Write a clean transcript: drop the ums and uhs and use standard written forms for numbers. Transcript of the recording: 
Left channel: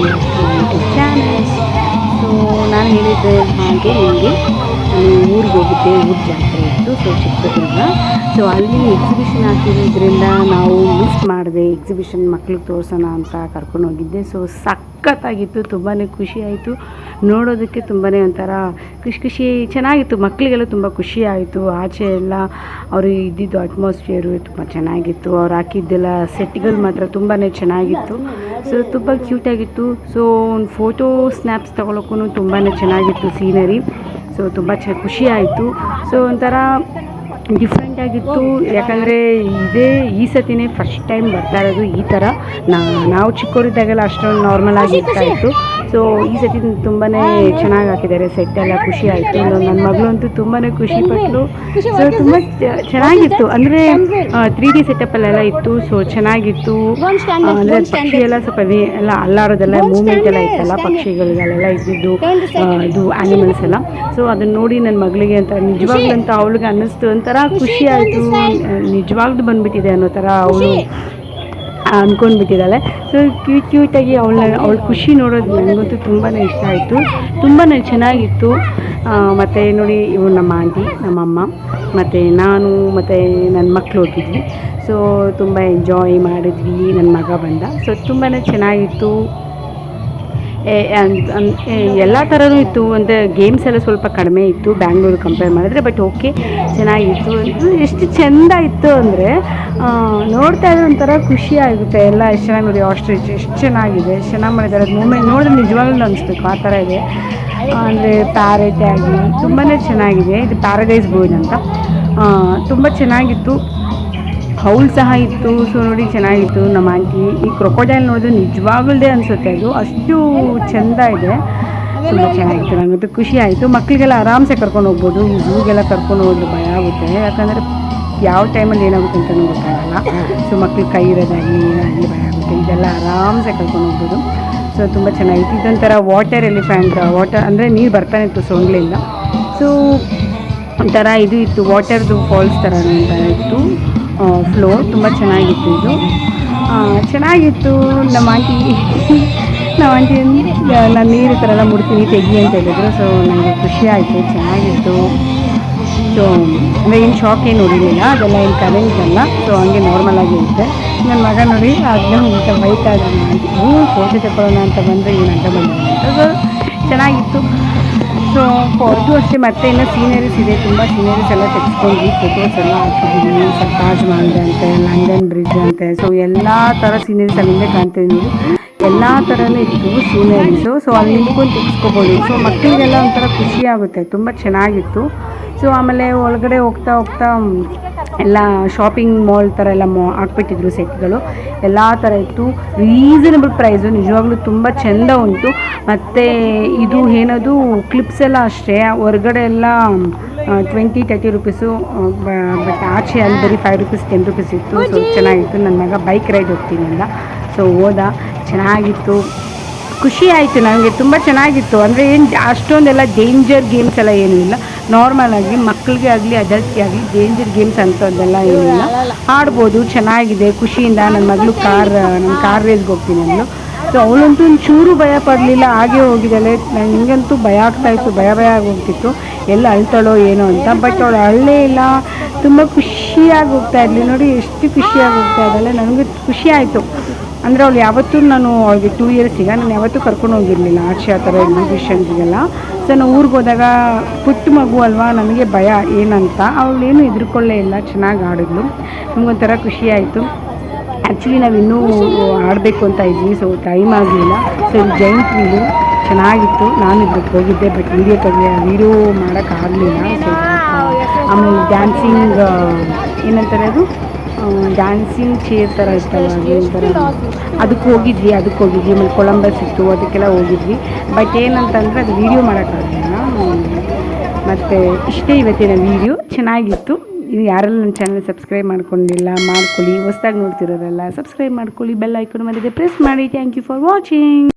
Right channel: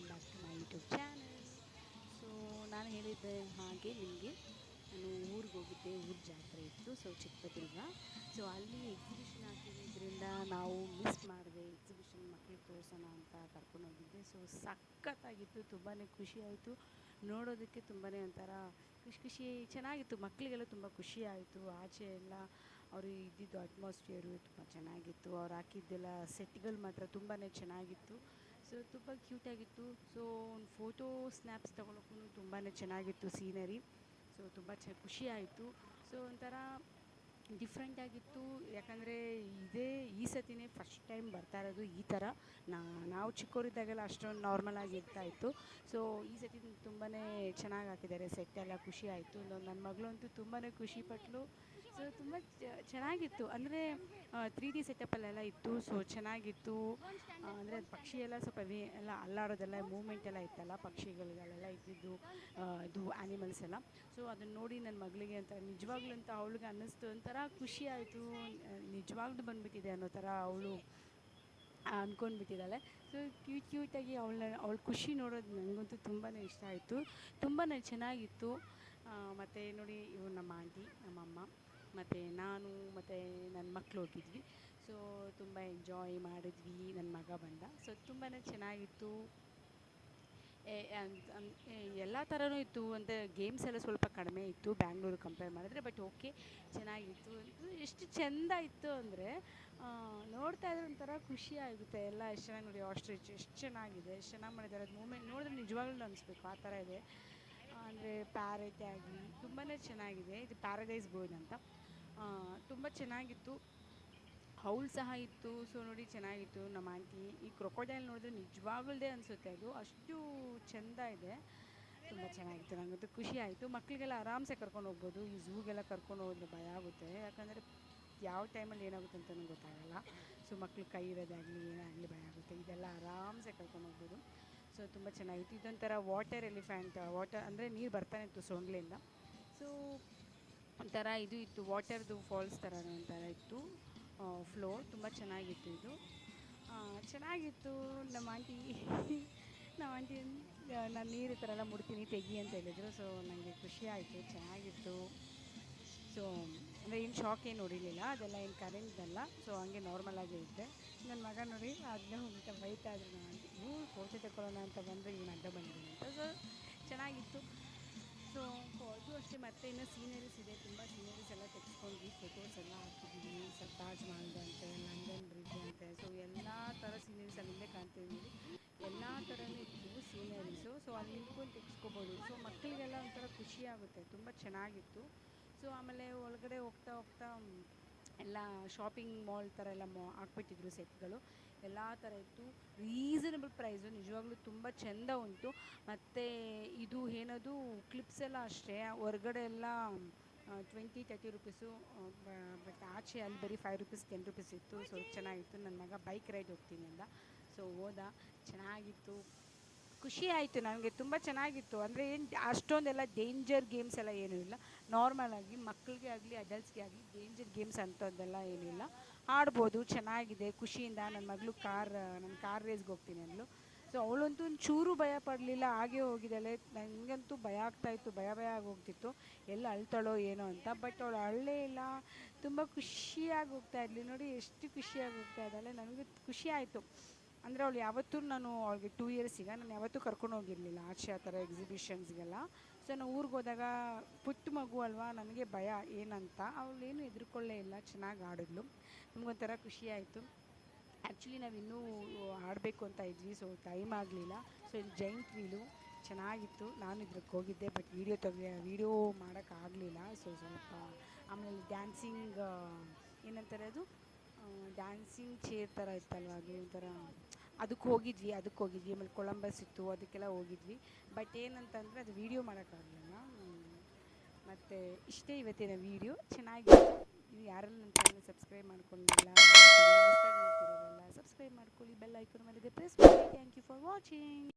YouTube channel. So ನಾನು ಹೇಳಿದ್ದೆ ಹಾಗೆ ನಿಮಗೆ ಊರಿಗೆ ಹೋಗಿದ್ದೆ, ಊರ ಜಾತ್ರೆ ಇತ್ತು. ಸೊ ಚಿತ್ರದುರ್ಗ. ಸೊ ಅಲ್ಲಿ ಎಕ್ಸಿಬಿಷನ್ ಹಾಕಿರೋದ್ರಿಂದ ನಾವು ಮಿಸ್ ಮಾಡಿದೆ. ಎಕ್ಸಿಬಿಷನ್ ಮಕ್ಳಿಗೆ ತೋರಿಸೋಣ ಅಂತ ಕರ್ಕೊಂಡು ಹೋಗಿದ್ದೆ. ಸೊ ಸಖತ್ತಾಗಿತ್ತು, ತುಂಬಾ ಖುಷಿ ಆಯಿತು ನೋಡೋದಕ್ಕೆ. ತುಂಬಾ ಒಂಥರ ಖುಷಿ ಚೆನ್ನಾಗಿತ್ತು. ಮಕ್ಕಳಿಗೆಲ್ಲ ತುಂಬ ಖುಷಿ ಆಯಿತು. ಆಚೆ ಎಲ್ಲ ಅವರು ಇದ್ದಿದ್ದು ಅಟ್ಮಾಸ್ಫಿಯರು ತುಂಬ ಚೆನ್ನಾಗಿತ್ತು. ಅವ್ರು ಹಾಕಿದ್ದೆಲ್ಲ ಸೆಟ್ಗಳು ಮಾತ್ರ ತುಂಬಾ ಚೆನ್ನಾಗಿತ್ತು. ಸೊ ತುಂಬ ಕ್ಯೂಟಾಗಿತ್ತು. ಸೊ ಒಂದು ಫೋಟೋ ಸ್ನ್ಯಾಪ್ಸ್ ತೊಗೊಳಕ್ಕೂ ತುಂಬಾ ಚೆನ್ನಾಗಿತ್ತು ಸೀನರಿ. ಸೊ ತುಂಬ ಖುಷಿ ಆಯಿತು. ಸೊ ಒಂಥರ ಡಿಫ್ರೆಂಟಾಗಿತ್ತು. ಯಾಕಂದರೆ ಈ ಸತಿನೇ ಫಸ್ಟ್ ಟೈಮ್ ಬರ್ತಾ ಇರೋದು ಈ ಥರ. ನಾವು ಚಿಕ್ಕವರಿದ್ದಾಗೆಲ್ಲ ಅಷ್ಟೊಂದು ನಾರ್ಮಲಾಗಿ ಇರ್ತಾಯಿತ್ತು. ಸೊ ಈ ಸತಿ ತುಂಬಾ ಚೆನ್ನಾಗಿ ಹಾಕಿದ್ದಾರೆ ಸೆಟ್ ಎಲ್ಲ. ಖುಷಿ ಆಯಿತು. ನನ್ನ ಮಗಳಂತೂ ತುಂಬಾ ಖುಷಿಪಟ್ಟಳು. ಸೊ ತುಂಬ ಚೆನ್ನಾಗಿತ್ತು. ಅಂದರೆ 3D ಸೆಟಪ್ಪಲ್ಲೆಲ್ಲ ಇತ್ತು. ಸೊ ಚೆನ್ನಾಗಿತ್ತು. ಅಂದರೆ ಪಕ್ಷಿ ಎಲ್ಲ ಸ್ವಲ್ಪ ಎಲ್ಲ ಅಲ್ಲಾಡೋದೆಲ್ಲ ಮೂಮೆಂಟ್ ಎಲ್ಲ ಇತ್ತಲ್ಲ, ಪಕ್ಷಿಗಳಿಗೆಲ್ಲ ಇದ್ದಿದ್ದು ಇದು ಆ್ಯನಿಮಲ್ಸ್ ಎಲ್ಲ. ಸೊ ಅದನ್ನು ನೋಡಿ ನನ್ನ ಮಗಳಿಗೆ ಅಂತ ನಿಜವಾಗ್ಲೂ ಅಂತ ಅವಳಿಗೆ ಅನ್ನಿಸ್ತು. ಒಂಥರ ಖುಷಿ ಆಯಿತು. ನಿಜವಾಗ್ಲೂ ಬಂದುಬಿಟ್ಟಿದೆ ಅನ್ನೋ ಥರ ಅವಳು ಅಂದ್ಕೊಂಡ್ಬಿಟ್ಟಿದ್ದಾಳೆ. ಸೊ ಕ್ಯೂಟಾಗಿ ಅವಳ ಖುಷಿ ನೋಡೋದು ನನಗಂತೂ ತುಂಬಾ ಇಷ್ಟ ಆಯಿತು. ತುಂಬಾ ಚೆನ್ನಾಗಿತ್ತು. ಮತ್ತು ನೋಡಿ ಇವ್ರು ನಮ್ಮ ಆಂಟಿ, ನಮ್ಮಮ್ಮ ಮತ್ತು ನಾನು ಮತ್ತು ನನ್ನ ಮಕ್ಕಳು ಹೋಗಿದ್ವಿ. ಸೊ ತುಂಬ ಎಂಜಾಯ್ ಮಾಡಿದ್ವಿ. ನನ್ನ ಮಗ ಬಂದ. ಸೊ ತುಂಬಾ ಚೆನ್ನಾಗಿತ್ತು. ಎಲ್ಲ ಥರನೂ ಇತ್ತು. ಅಂದರೆ ಗೇಮ್ಸ್ ಎಲ್ಲ ಸ್ವಲ್ಪ ಕಡಿಮೆ ಇತ್ತು ಬ್ಯಾಂಗ್ಳೂರು ಕಂಪೇರ್ ಮಾಡಿದ್ರೆ. ಬಟ್ ಓಕೆ, ಚೆನ್ನಾಗಿತ್ತು. ಎಷ್ಟು ಚೆಂದ ಇತ್ತು ಅಂದರೆ ನೋಡ್ತಾ ಇದ್ರೆ ಒಂಥರ ಖುಷಿ ಆಗುತ್ತೆ. ಎಲ್ಲ ಎಷ್ಟು ಚೆನ್ನಾಗಿ ನೋಡಿ, ಆಸ್ಟ್ರಿಚ್ ಎಷ್ಟು ಚೆನ್ನಾಗಿದೆ, ಎಷ್ಟು ಚೆನ್ನಾಗಿ ಮಾಡಿದ್ದಾರೆ. ಅದು ಮೂಮೆಂಟ್ ನೋಡಿದ್ರೆ ನಿಜವಾಗ್ಲೂ ಅನಿಸ್ಬೇಕು ಆ ಥರ ಇದೆ. ಅಂದರೆ ಪ್ಯಾರೆಟ್ ಆಗಿ ತುಂಬಾ ಚೆನ್ನಾಗಿದೆ. ಇದು ಪ್ಯಾರಡೈಸ್ ಬೋರ್ಡ್ ಅಂತ. ತುಂಬ ಚೆನ್ನಾಗಿತ್ತು. ಹೌಲ್ ಸಹ ಇತ್ತು. ಸೊ ನೋಡಿ ಚೆನ್ನಾಗಿತ್ತು. ನಮ್ಮ ಆಂಟಿ ಈ ಕ್ರೊಕೊಡೈಲ್ ನೋಡಿದ್ರೆ ನಿಜವಾಗಲ್ದೇ ಅನಿಸುತ್ತೆ. ಅದು ಅಷ್ಟು ಚೆಂದ ಇದೆ. ತುಂಬ ಚೆನ್ನಾಗಿತ್ತು. ನನಗಂತೂ ಖುಷಿ ಆಯಿತು. ಮಕ್ಕಳಿಗೆಲ್ಲ ಆರಾಮ್ಸೆ ಕರ್ಕೊಂಡು ಹೋಗ್ಬೋದು. ಈ ಝೂಗೆಲ್ಲ ಕರ್ಕೊಂಡು ಹೋಗೋದು ಭಯ ಆಗುತ್ತೆ. ಯಾಕಂದರೆ ಯಾವ ಟೈಮಲ್ಲಿ ಏನಾಗುತ್ತೆ ಅಂತಲೂ ಗೊತ್ತಾಗಲ್ಲ. ಸೊ ಮಕ್ಳು ಕೈ ಇರೋದಾಗಲಿ ಏನಾಗಲಿ ಭಯ ಆಗುತ್ತೆ. ಇದೆಲ್ಲ ಆರಾಮ್ಸೆ ಕರ್ಕೊಂಡು ಹೋಗ್ಬೋದು. ಸೊ ತುಂಬ ಚೆನ್ನಾಗಿತ್ತು. ಇದೊಂಥರ ವಾಟರ್ ಎಲಿಫೆಂಟ್. ವಾಟರ್ ಅಂದರೆ ನೀರು ಬರ್ತಾನೆ ಇತ್ತು ಸೊಂಗ್ಲಿಂದ. ಸೊ ಒಂಥರ ಇದು ಇತ್ತು, ವಾಟರ್ದು ಫಾಲ್ಸ್ ಥರ ಇತ್ತು ಫ್ಲೋ. ತುಂಬ ಚೆನ್ನಾಗಿತ್ತು. ಇದು ಚೆನ್ನಾಗಿತ್ತು. ನಮ್ಮ ಆಂಟಿ ನಾನು ನೀರು ಥರ ಎಲ್ಲ ಮುಡ್ತೀನಿ ತೆಗಿ ಅಂತ ಹೇಳಿದ್ರು. ಸೊ ನನಗೆ ಖುಷಿ ಆಯಿತು. ಚೆನ್ನಾಗಿತ್ತು. ಸೊ ಅಂದರೆ ಏನು ಶಾಕ್ ಏನು ಹೊಡಿಲಿಲ್ಲ. ಅದೆಲ್ಲ ಏನು ಕರೆಂಟ್ ಅಲ್ಲ. ಸೊ ಹಂಗೆ ನಾರ್ಮಲಾಗಿ ಇರುತ್ತೆ. ನನ್ನ ಮಗ ನೋಡಿ ಅದನ್ನ ಇಂಥ ವೈಟ್ ಆದ್ರೆ ಫೋಟೋ ತಗೊಳ್ಳೋಣ ಅಂತ ಬಂದರೆ ಏನು ಅಂತ ಬಂದಿದೆ ಅಂತ. ಸೊ ಚೆನ್ನಾಗಿತ್ತು. ಸೊ ಇದು ಅಷ್ಟೇ. ಮತ್ತೆ ಇನ್ನೂ ಸೀನರೀಸ್ ಇದೆ. ತುಂಬ ಸೀನರೀಸ್ ಎಲ್ಲ ತೆಗೆಸ್ಕೊಂಡ್ವಿ. ಫೋಟೋಸ್ ಎಲ್ಲ ಹಾಕಿದ್ವಿ. ತಾಜ್ ಮಹಲ್ ಅಂತೆ, ಲಂಡನ್ ಬ್ರಿಡ್ಜ್ ಅಂತೆ. ಸೊ ಎಲ್ಲ ಥರ ಸೀನರೀಸ್ ಅಲ್ಲಿಂದ ಕಾಣ್ತಿದ್ವಿ. ಎಲ್ಲ ಥರನೂ ಇತ್ತು ಸೀನರೀಸು. ಸೊ ಅಲ್ಲಿ ನಿಂತ್ಕೊಂಡು ತೆಗೆಸ್ಕೊಬೋದು. ಸೊ ಮಕ್ಕಳಿಗೆಲ್ಲ ಒಂಥರ ಖುಷಿ ಆಗುತ್ತೆ. ತುಂಬ ಚೆನ್ನಾಗಿತ್ತು. ಸೊ ಆಮೇಲೆ ಒಳಗಡೆ ಹೋಗ್ತಾ ಎಲ್ಲ ಶಾಪಿಂಗ್ ಮಾಲ್ ಥರ ಎಲ್ಲ ಹಾಕ್ಬಿಟ್ಟಿದ್ರು ಸೆಟ್ಗಳು. ಎಲ್ಲ ಥರ ಇತ್ತು. Reasonable price. ನಿಜವಾಗ್ಲೂ ತುಂಬ ಚೆಂದ ಉಂಟು. ಮತ್ತು ಇದು ಏನದು ಕ್ಲಿಪ್ಸ್ ಎಲ್ಲ ಅಷ್ಟೇ. ಹೊರಗಡೆ ಎಲ್ಲ 20-30 ರುಪೀಸು. ಬಟ್ ಆಚೆ ಅಲ್ಲಿ ಬರೀ 5 ರುಪೀಸ್ 10 ರುಪೀಸ್ ಇತ್ತು. ಸೊ ಚೆನ್ನಾಗಿತ್ತು. ನನ್ನ ಮಗ ಬೈಕ್ ರೈಡ್ ಹೋಗ್ತೀನಿ ಅಂದ. ಸೊ ಹೋದ. ಚೆನ್ನಾಗಿತ್ತು. ಖುಷಿ ಆಯಿತು ನನಗೆ. ತುಂಬ ಚೆನ್ನಾಗಿತ್ತು. ಅಂದರೆ ಏನು ಅಷ್ಟೊಂದೆಲ್ಲ ಡೇಂಜರ್ ಗೇಮ್ಸ್ ಎಲ್ಲ ಏನೂ ಇಲ್ಲ. ನಾರ್ಮಲಾಗಿ ಮಕ್ಕಳಿಗೆ ಆಗಲಿ ಅಡಲ್ಟ್ಗೆ ಆಗಲಿ ಡೇಂಜರ್ ಗೇಮ್ಸ್ ಅಂಥದ್ದೆಲ್ಲ ಏನಿಲ್ಲ. ಆಡ್ಬೋದು. ಚೆನ್ನಾಗಿದೆ. ಖುಷಿಯಿಂದ ನನ್ನ ಮಗಳು ನಾನು ಕಾರ್ ರೇಸ್ಗೆ ಹೋಗ್ತೀನಿ ಅಂದಳು. ಸೊ ಅವಳಂತೂ ಒಂಚೂರು ಭಯ ಪಡಲಿಲ್ಲ. ಹಾಗೆ ಹೋಗಿದ್ದಾಳೆ. ನನಗಂತೂ ಭಯ ಆಗ್ತಾಯಿತ್ತು. ಭಯ ಆಗಿ ಹೋಗ್ತಿತ್ತು. ಎಲ್ಲ ಅಳ್ತಾಳೋ ಏನೋ ಅಂತ. ಬಟ್ ಅವಳು ಅಳ್ಳೇ ಇಲ್ಲ. ತುಂಬ ಖುಷಿಯಾಗಿ ಹೋಗ್ತಾ ಇದ್ಲಿ. ನೋಡಿ ಎಷ್ಟು ಖುಷಿಯಾಗಿ ಹೋಗ್ತಾ ಇದ್ದಾಳೆ. ನನಗೆ ಖುಷಿ ಆಯಿತು. ಅಂದರೆ ಅವಳು ಯಾವತ್ತೂ ಅವಳಿಗೆ 2 ಇಯರ್ಸ್ ಈಗ ನಾನು ಯಾವತ್ತೂ ಕರ್ಕೊಂಡು ಹೋಗಿರಲಿಲ್ಲ ಆಚೆ ಆ ಥರ ಎಕ್ಸಿಬಿಷನ್ಸ್ಗೆಲ್ಲ. ಸೊ ನಾವು ಊರಿಗೆ ಹೋದಾಗ ಪುಟ್ಟ ಮಗು ಅಲ್ವಾ, ನನಗೆ ಭಯ ಏನಂತ. ಅವಳೇನು ಹೆದರ್ಕೊಳ್ಳೇ ಇಲ್ಲ. ಚೆನ್ನಾಗಿ ಆಡಿದ್ಲು. ನಮಗೊಂಥರ ಖುಷಿ ಆಯಿತು. ಆ್ಯಕ್ಚುಲಿ ನಾವು ಇನ್ನೂ ಆಡಬೇಕು ಅಂತ ಇದ್ವಿ. ಸೊ ಟೈಮ್ ಆಗಲಿಲ್ಲ. ಸೊ ಇದು ಜೈಂಟ್ ವೀಲು ಚೆನ್ನಾಗಿತ್ತು. ನಾನು ಇದ್ರಿಗೆ ಹೋಗಿದ್ದೆ. ಬಟ್ ವೀಡಿಯೋ ಮಾಡೋಕ್ಕಾಗಲಿಲ್ಲ. ಸೊ ಆಮೇಲೆ ಡ್ಯಾನ್ಸಿಂಗ್ ಏನಂತಾರೆ ಅದು ಡ್ಯಾನ್ಸಿಂಗ್ ಚೇರ್ ಥರ ಇರ್ತಲ್ಲ, ಅದಕ್ಕೆ ಹೋಗಿದ್ವಿ. ಆಮೇಲೆ ಕೊಲಂಬಸ್ ಇತ್ತು, ಅದಕ್ಕೆಲ್ಲ ಹೋಗಿದ್ವಿ. ಬಟ್ ಏನಂತಂದರೆ ಅದು ವೀಡಿಯೋ ಮಾಡೋಕ್ಕಾಗಲಿಲ್ಲ. ಮತ್ತು ಇಷ್ಟೇ ಇವತ್ತಿನ ವೀಡಿಯೋ. ಚೆನ್ನಾಗಿತ್ತು. ಇದು ಯಾರೆಲ್ಲ ನನ್ನ ಚಾನಲ್ ಸಬ್ಸ್ಕ್ರೈಬ್ ಮಾಡ್ಕೊಂಡಿಲ್ಲ ಮಾಡ್ಕೊಳ್ಳಿ. ಹೊಸ್ದಾಗಿ ನೋಡ್ತಿರೋರಲ್ಲ ಸಬ್ಸ್ಕ್ರೈಬ್ ಮಾಡ್ಕೊಳ್ಳಿ. ಬೆಲ್ ಐಕಾನ್ ಮೇಲೆ ಪ್ರೆಸ್ ಮಾಡಿ. Thank you for watching.